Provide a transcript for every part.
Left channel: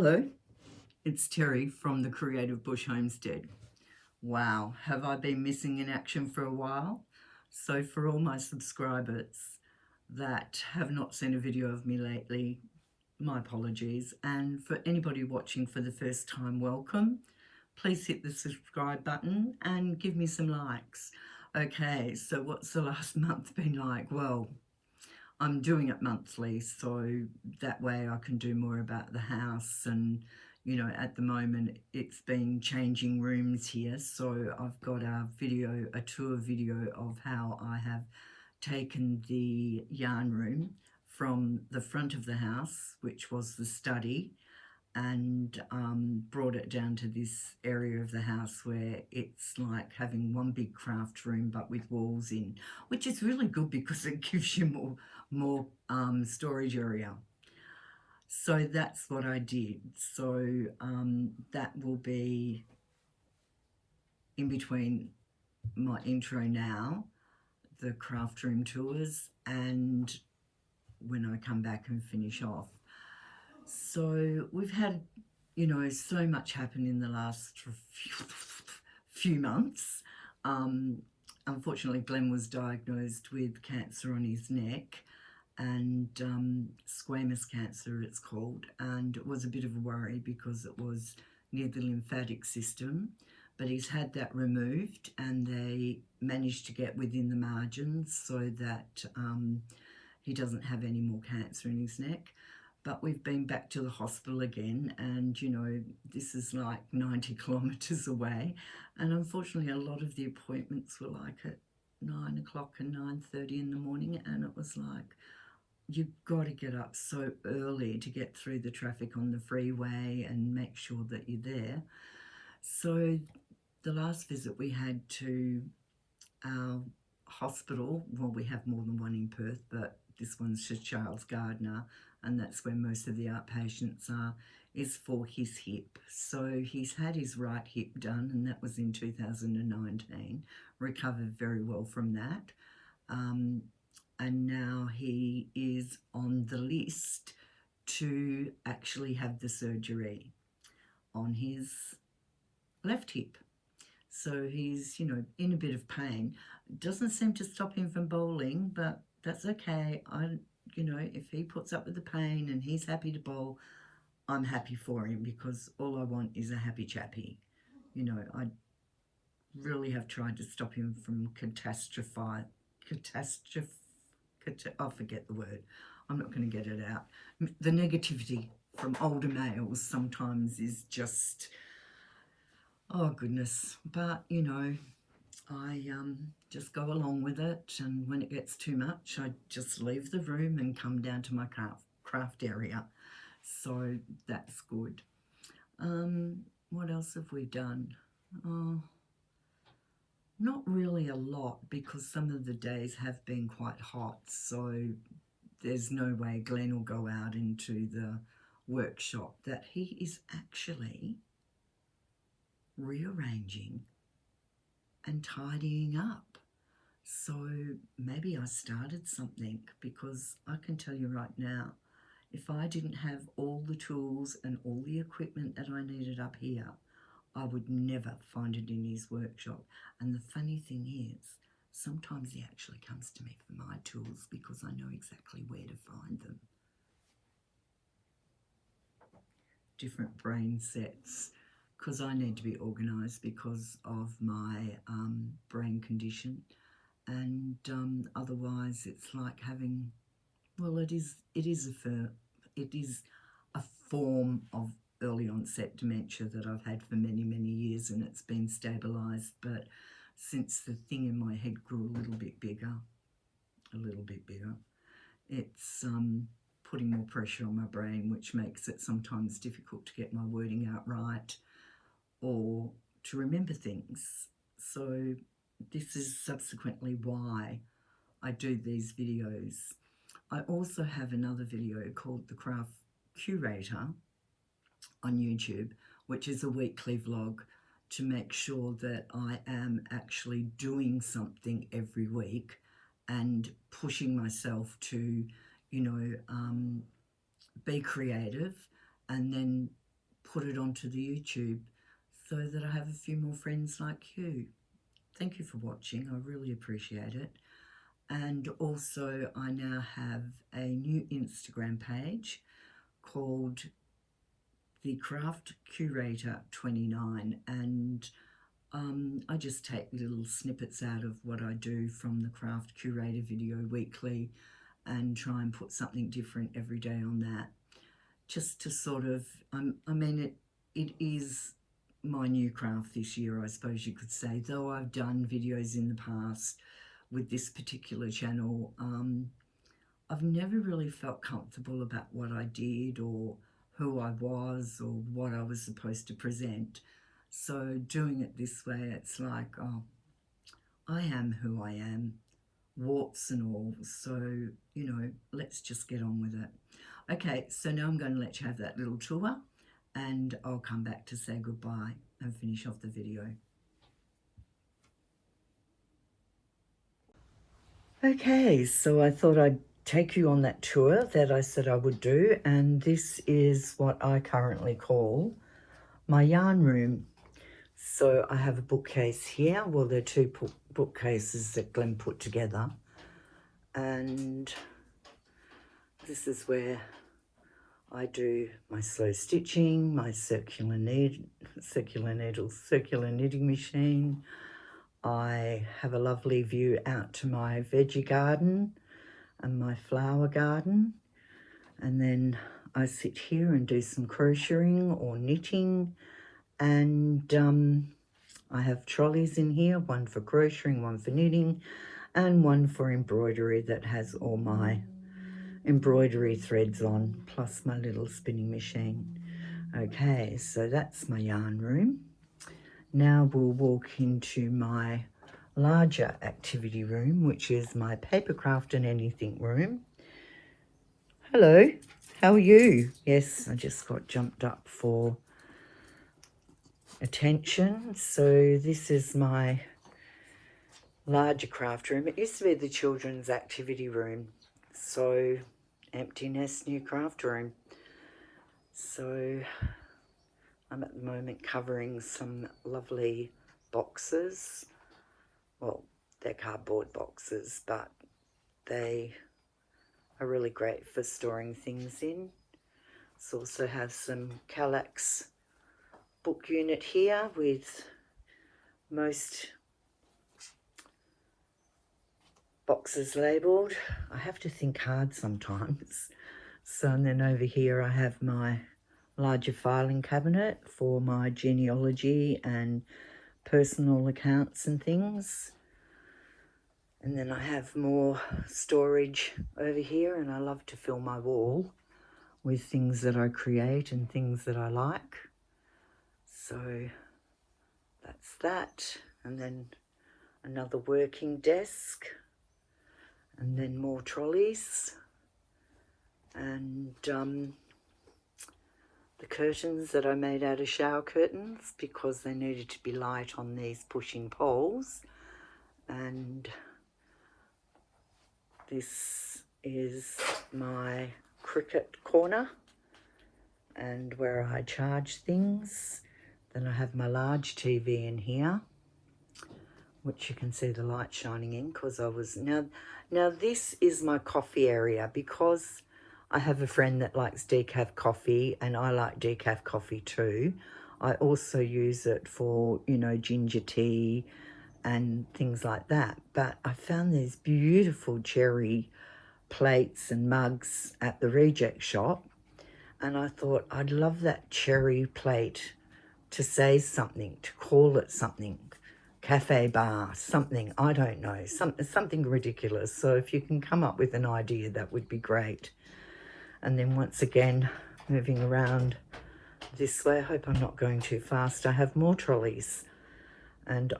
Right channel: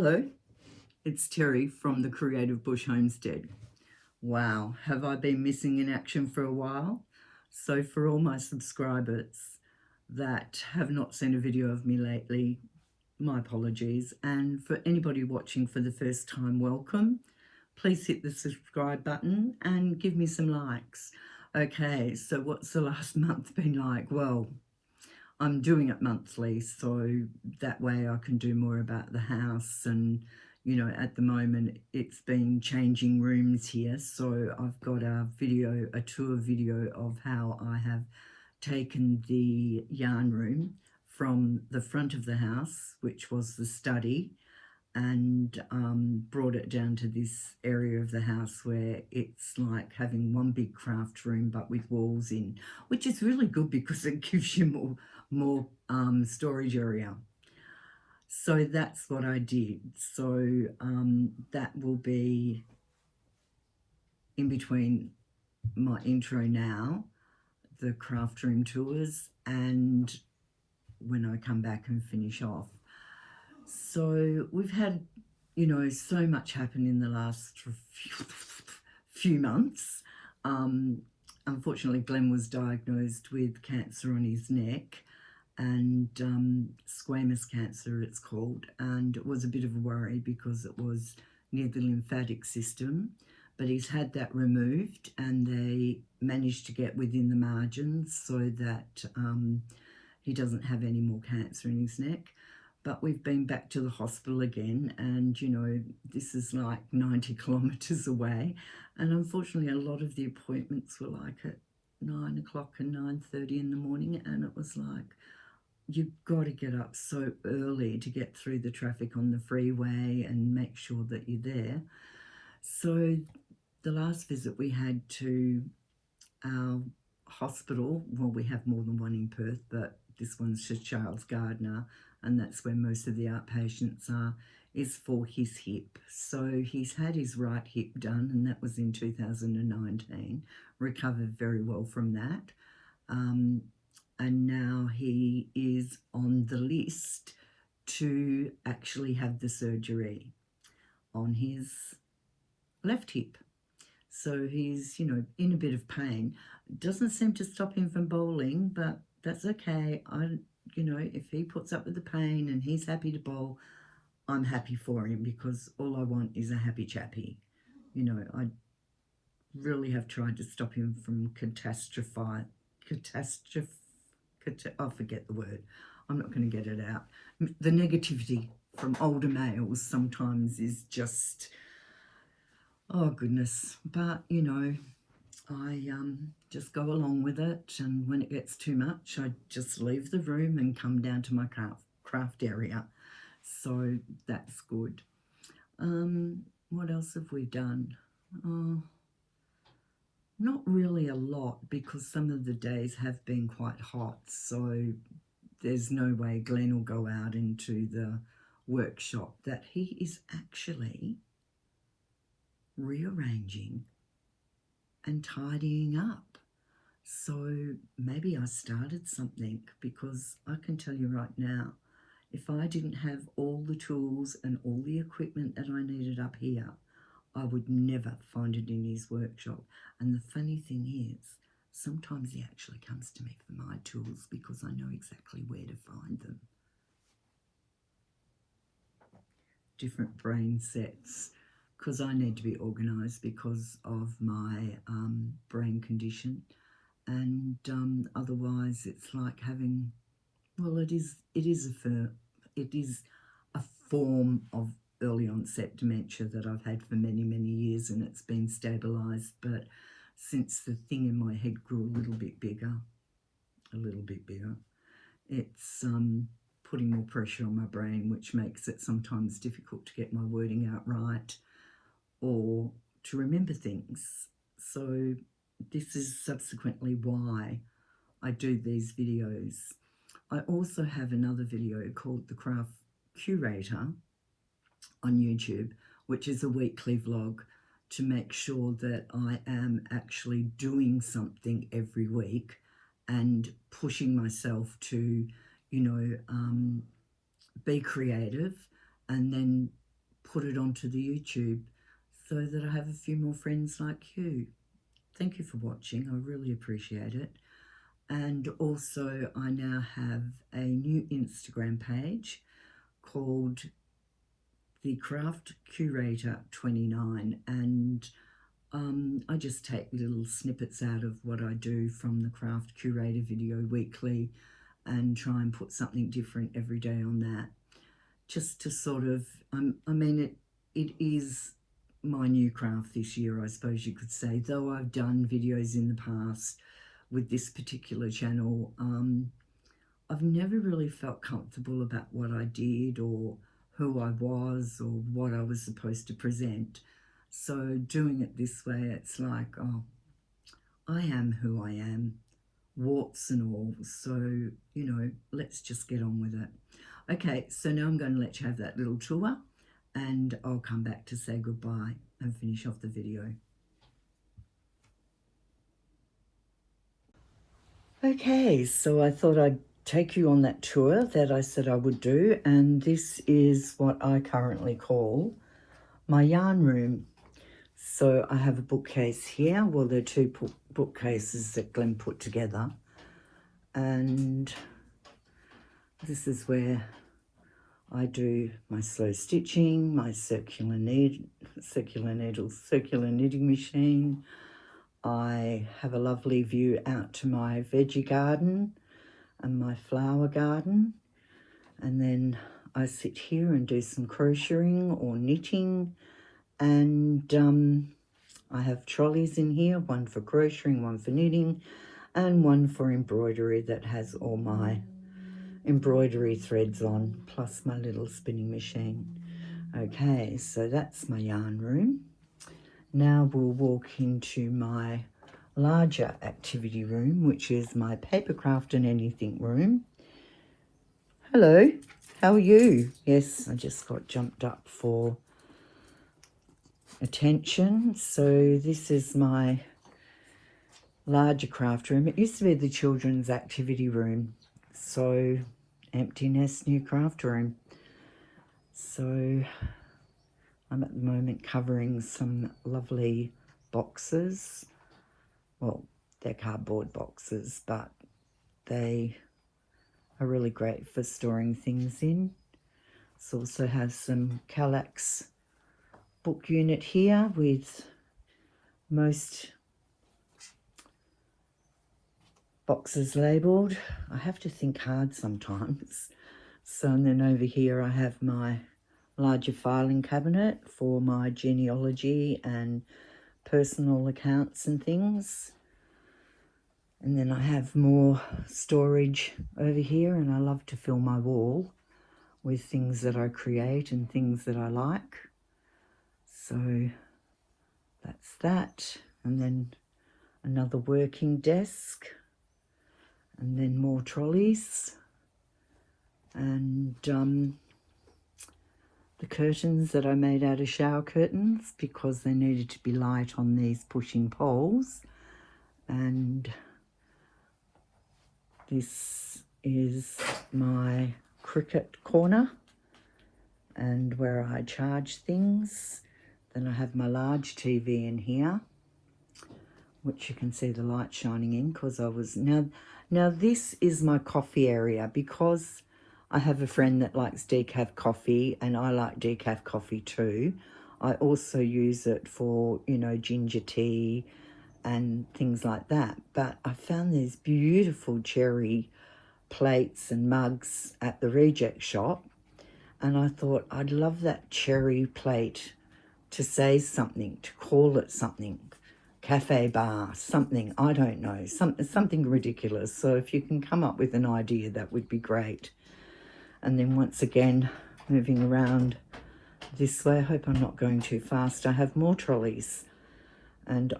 Hello, it's Terry from the Creative Bush Homestead. Wow, have I been missing in action for a while? So for all my subscribers that have not seen a video of me lately, my apologies. And for anybody watching for the first time, welcome. Please hit the subscribe button and give me some likes. Okay, so what's the last month been like? Well, I'm doing it monthly, so that way I can do more about the house. And, you know, at the moment it's been changing rooms here. So I've got a tour video of how I have taken the yarn room from the front of the house, which was the study, and brought it down to this area of the house where it's like having one big craft room but with walls in, which is really good because it gives you more storage area. So that's what I did. So that will be in between my intro now, the craft room tours, and when I come back and finish off. So we've had, you know, so much happen in the last few months. Unfortunately, Glenn was diagnosed with cancer on his neck, and squamous cancer it's called, and it was a bit of a worry because it was near the lymphatic system, but he's had that removed and they managed to get within the margins so that he doesn't have any more cancer in his neck. But we've been back to the hospital again, and you know, this is like 90 kilometres away, and unfortunately a lot of the appointments were like at 9 o'clock and 9:30 in the morning, and it was like, you've got to get up so early to get through the traffic on the freeway and make sure that you're there. So the last visit we had to our hospital, well, we have more than one in Perth, but this one's Sir Charles Gardner, and that's where most of the outpatients are, is for his hip. So he's had his right hip done, and that was in 2019, recovered very well from that. And now he is on the list to actually have the surgery on his left hip. So he's, you know, in a bit of pain. Doesn't seem to stop him from bowling, but that's okay. You know, if he puts up with the pain and he's happy to bowl, I'm happy for him, because all I want is a happy chappy. You know, I really have tried to stop him from I forget the word. I'm not going to get it out. The negativity from older males sometimes is just, oh goodness. But, you know, I just go along with it, and when it gets too much, I just leave the room and come down to my craft area. So that's good. What else have we done? Not really a lot, because some of the days have been quite hot, so there's no way Glenn will go out into the workshop that he is actually rearranging and tidying up. So maybe I started something, because I can tell you right now, if I didn't have all the tools and all the equipment that I needed up here, I would never find it in his workshop. And the funny thing is, sometimes he actually comes to me for my tools because I know exactly where to find them. Different brain sets, because I need to be organised because of my brain condition, and otherwise it's like having, well, it is a form of early onset dementia that I've had for many years, and it's been stabilised. But since the thing in my head grew a little bit bigger, it's putting more pressure on my brain, which makes it sometimes difficult to get my wording out right or to remember things. So this is subsequently why I do these videos. I also have another video called The Craft Curator on YouTube, which is a weekly vlog to make sure that I am actually doing something every week and pushing myself to, you know, be creative, and then put it onto the YouTube so that I have a few more friends like you. Thank you for watching. I really appreciate it. And also I now have a new Instagram page called The Craft Curator 29, and I just take little snippets out of what I do from the Craft Curator video weekly and try and put something different every day on that, just to sort of, I mean, it is my new craft this year, I suppose you could say, though I've done videos in the past with this particular channel. I've never really felt comfortable about what I did or who I was or what I was supposed to present. So doing it this way, it's like, oh, I am who I am, warts and all. So, you know, let's just get on with it. Okay, so now I'm going to let you have that little tour, and I'll come back to say goodbye and finish off the video. Okay, so I thought I'd take you on that tour that I said I would do, and this is what I currently call my yarn room. So I have a bookcase here. Well, they're two bookcases that Glenn put together, and this is where I do my slow stitching, my circular knitting machine. I have a lovely view out to my veggie garden and my flower garden, and then I sit here and do some crocheting or knitting, and I have trolleys in here, one for crocheting, one for knitting, and one for embroidery that has all my embroidery threads on, plus my little spinning machine. Okay, so that's my yarn room. Now we'll walk into my larger activity room, which is my papercraft and anything room. Hello, how are you? Yes, I just got jumped up for attention. So this is my larger craft room. It used to be the children's activity room. So empty nest, new craft room. So I'm at the moment covering some lovely boxes. Well, they're cardboard boxes, but they are really great for storing things in. This also has some Kallax book unit here with most boxes labelled. I have to think hard sometimes. So, and then over here I have my larger filing cabinet for my genealogy and personal accounts and things. And then I have more storage over here, and I love to fill my wall with things that I create and things that I like. So that's that. And then another working desk, and then more trolleys, and the curtains that I made out of shower curtains because they needed to be light on these pushing poles. And this is my cricket corner and where I charge things. Then I have my large TV in here, which you can see the light shining in because I was... Now this is my coffee area because I have a friend that likes decaf coffee and I like decaf coffee too. I also use it for, you know, ginger tea and things like that. But I found these beautiful cherry plates and mugs at the reject shop, and I thought I'd love that cherry plate to say something, to call it something. Cafe bar, something, I don't know, something ridiculous. So if you can come up with an idea, that would be great. And then once again, moving around this way, I hope I'm not going too fast. I have more trolleys, and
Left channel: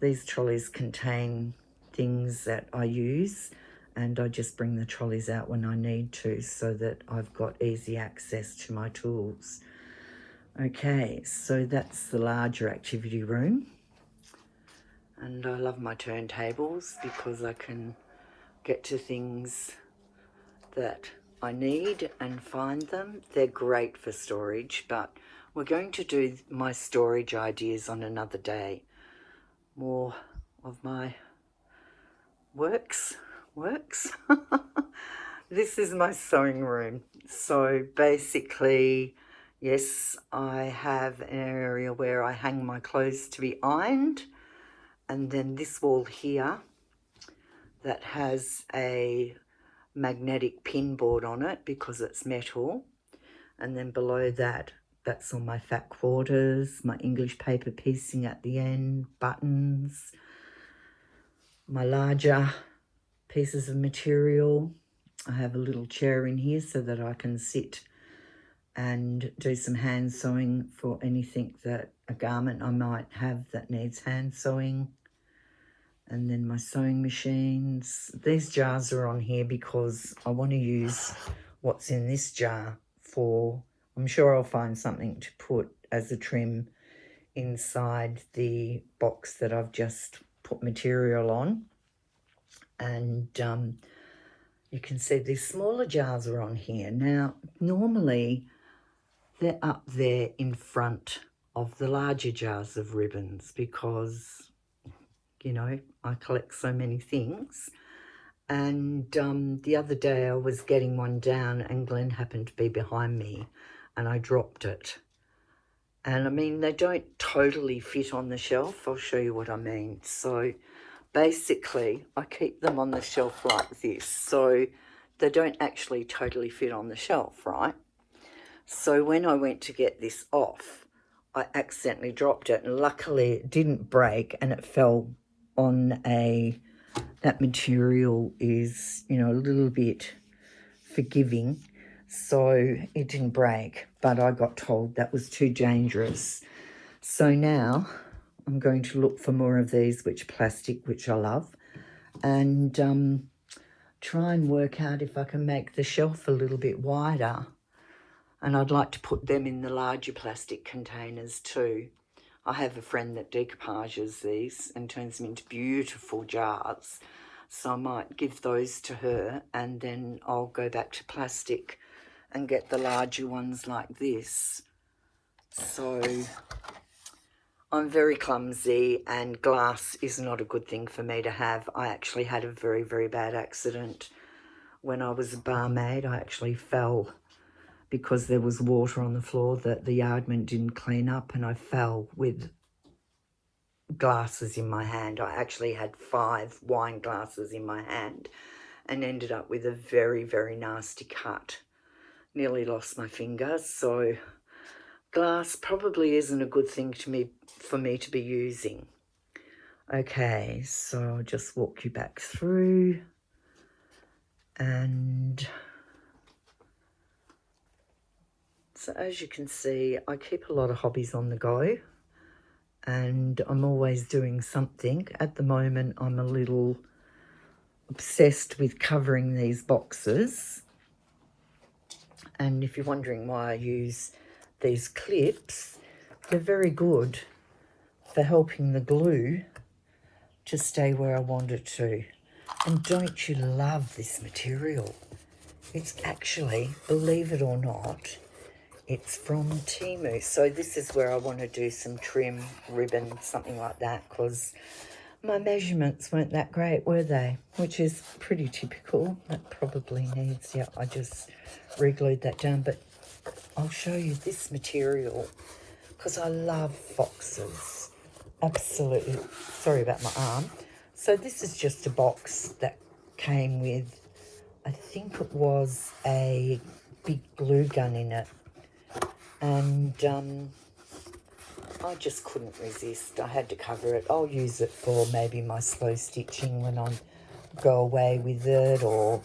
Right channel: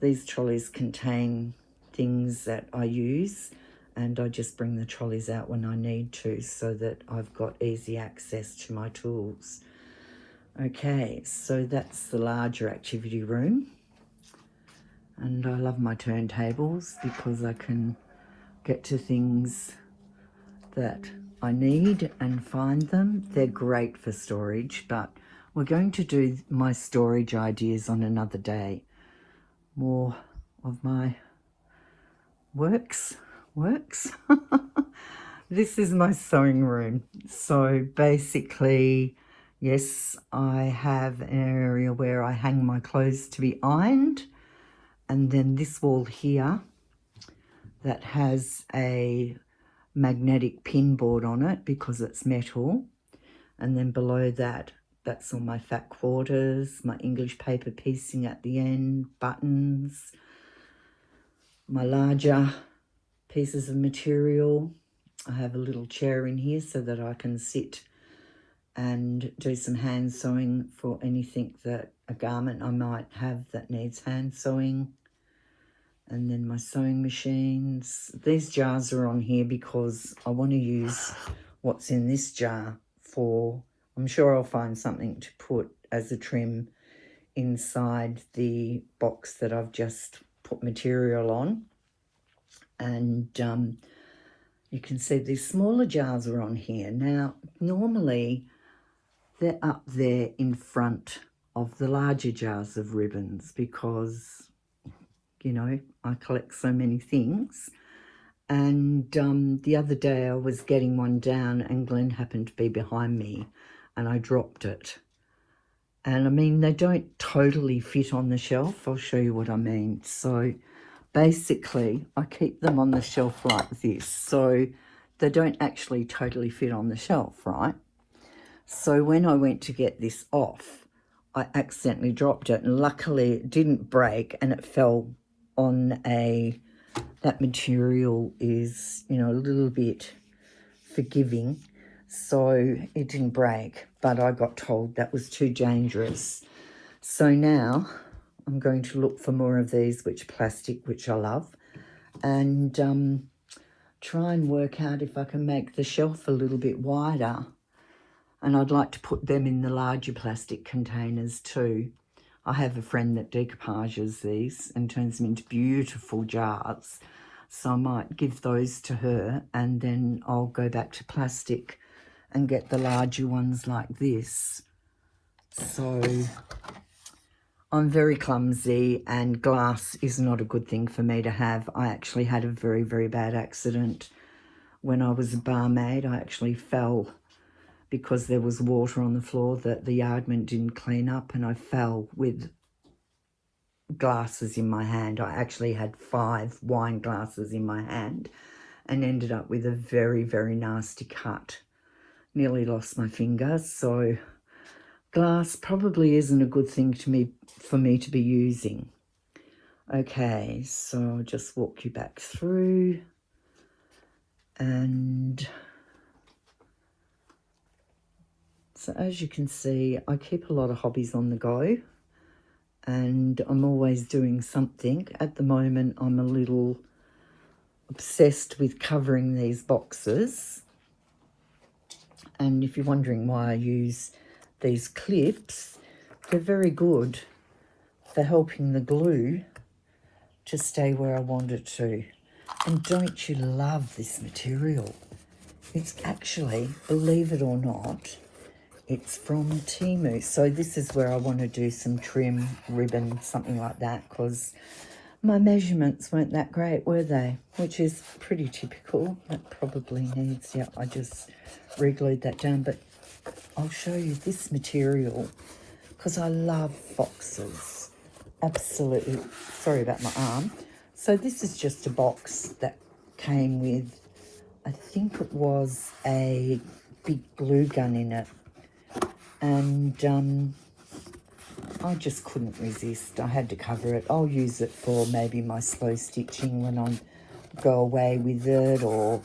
these trolleys contain things that I use, and I just bring the trolleys out when I need to so that I've got easy access to my tools. Okay, so that's the larger activity room. And I love my turntables because I can get to things that I need and find them. They're great for storage, but We're going to do my storage ideas on another day. More of my works. This is my sewing room. So basically, yes, I have an area where I hang my clothes to be ironed, and then this wall here that has a magnetic pin board on it because it's metal, and then below that, that's all my fat quarters, my English paper piecing at the end, buttons, my larger pieces of material. I have a little chair in here so that I can sit and do some hand sewing for anything that a garment I might have that needs hand sewing. And then my sewing machines. These jars are on here because I want to use what's in this jar for, I'm sure I'll find something to put as a trim inside the box that I've just put material on. And you can see these smaller jars are on here. Now, normally they're up there in front of the larger jars of ribbons because, you know, I collect so many things. And the other day I was getting one down and Glenn happened to be behind me and I dropped it. And I mean, they don't totally fit on the shelf. I'll show you what I mean. So basically, I keep them on the shelf like this. So they don't actually totally fit on the shelf, right? So when I went to get this off, I accidentally dropped it. And luckily, it didn't break and it fell on that material is, you know, a little bit forgiving. So it didn't break, but I got told that was too dangerous. So now I'm going to look for more of these, which are plastic, which I love, and try and work out if I can make the shelf a little bit wider. And I'd like to put them in the larger plastic containers too. I have a friend that decoupages these and turns them into beautiful jars. So I might give those to her and then I'll go back to plastic and get the larger ones like this. So I'm very clumsy and glass is not a good thing for me to have. I actually had a very, very bad accident when I was a barmaid. I actually fell because there was water on the floor that the yardman didn't clean up, and I fell with glasses in my hand. I actually had 5 wine glasses in my hand and ended up with a very, very nasty cut. Nearly lost my finger. So glass probably isn't a good thing for me to be using. Okay, so I'll just walk you back through, and so as you can see, I keep a lot of hobbies on the go and I'm always doing something. At the moment, I'm a little obsessed with covering these boxes. And if you're wondering why I use these clips, they're very good for helping the glue to stay where I want it to. And don't you love this material? It's actually, believe it or not, it's from Temu. So this is where I want to do some trim, ribbon, something like that, because my measurements weren't that great, were they? Which is pretty typical. That probably needs, yeah, I just re-glued that down. But I'll show you this material because I love foxes. Absolutely. Sorry about my arm. So this is just a box that came with, I think it was a big glue gun in it. And I just couldn't resist. I had to cover it. I'll use it for maybe my slow stitching when I go away with it, or,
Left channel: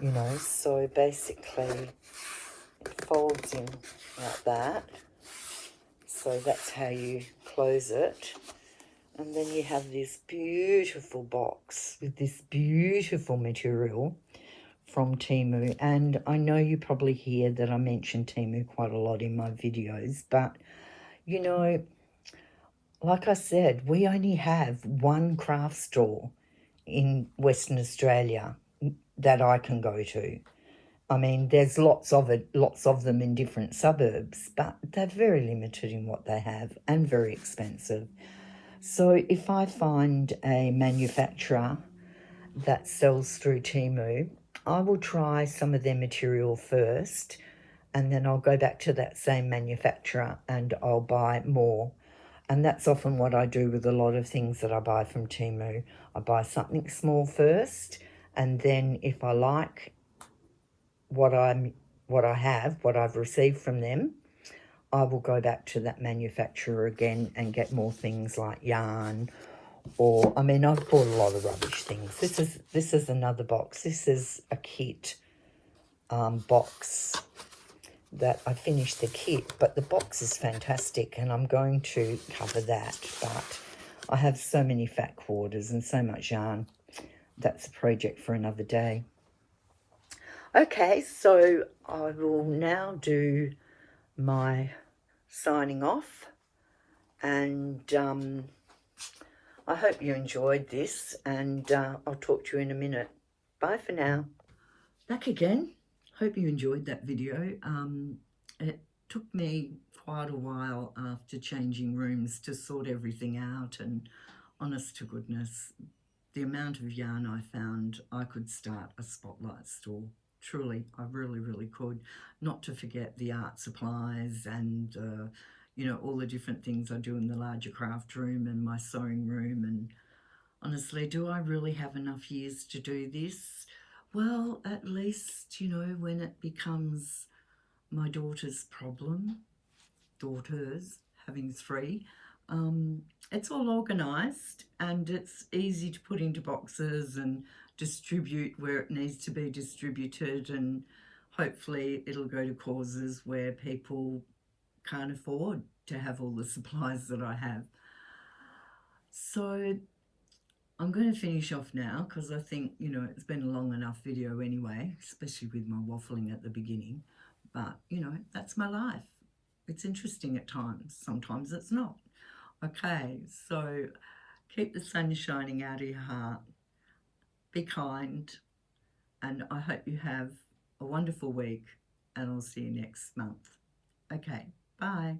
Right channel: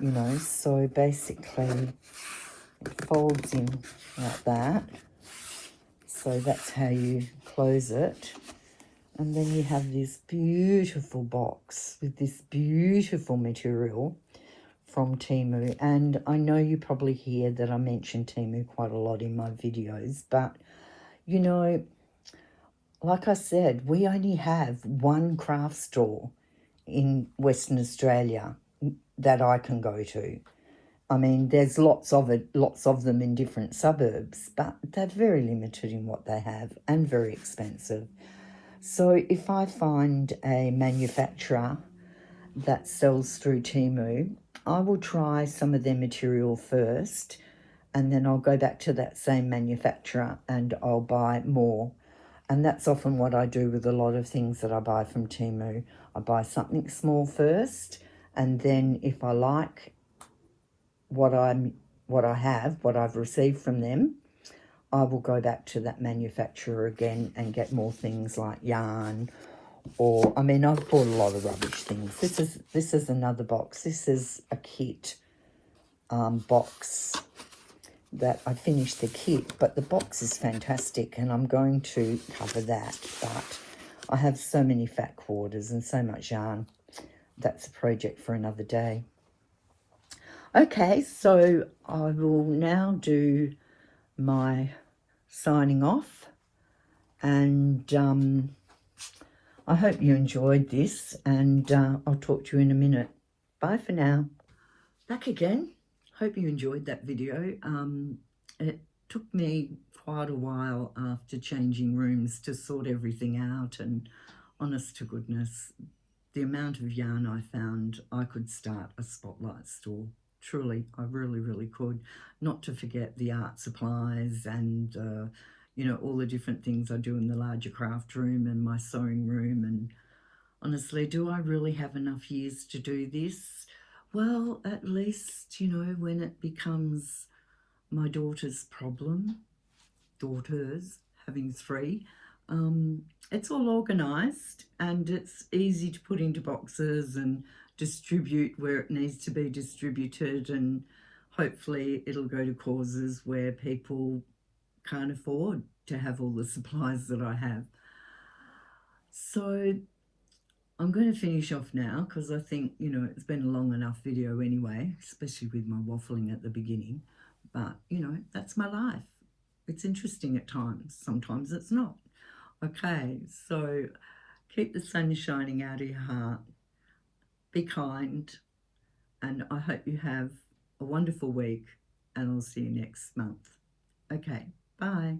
you know. So basically it folds in like that. So that's how you close it. And then you have this beautiful box with this beautiful material from Temu. And I know you probably hear that I mention Temu quite a lot in my videos, but you know, like I said, we only have one craft store in Western Australia that I can go to. I mean, there's lots of them in different suburbs, but they're very limited in what they have and very expensive. So if I find a manufacturer that sells through Temu, I will try some of their material first, and then I'll go back to that same manufacturer and I'll buy more. And that's often what I do with a lot of things that I buy from Temu. I buy something small first, and then if I like what I've received from them, I will go back to that manufacturer again and get more things like yarn, or I mean, I've bought a lot of rubbish things. This is another box. This is a kit box that I finished the kit, but the box is fantastic, and I'm going to cover that. But I have so many fat quarters and so much yarn. That's a project for another day. Okay, so I will now do my signing off, and I hope you enjoyed this, and I'll talk to you in a minute. Bye for now. Back again. Hope you enjoyed that video. It took me quite a while after changing rooms to sort everything out, and honest to goodness, the amount of yarn I found, I could start a spotlight store. Truly, I really, really could. Not to forget the art supplies and, you know, all the different things I do in the larger craft room and my sewing room. And honestly, do I really have enough years to do this? Well, at least, you know, when it becomes my daughter's problem, having three, it's all organised and it's easy to put into boxes and distribute where it needs to be distributed, and hopefully it'll go to causes where people can't afford to have all the supplies that I have. So I'm going to finish off now because I think, you know, it's been a long enough video anyway, especially with my waffling at the beginning. But, you know, that's my life. It's interesting at times. Sometimes it's not. Okay, so keep the sun shining out of your heart. Be kind. And I hope you have a wonderful week. And I'll see you next month. Okay, bye.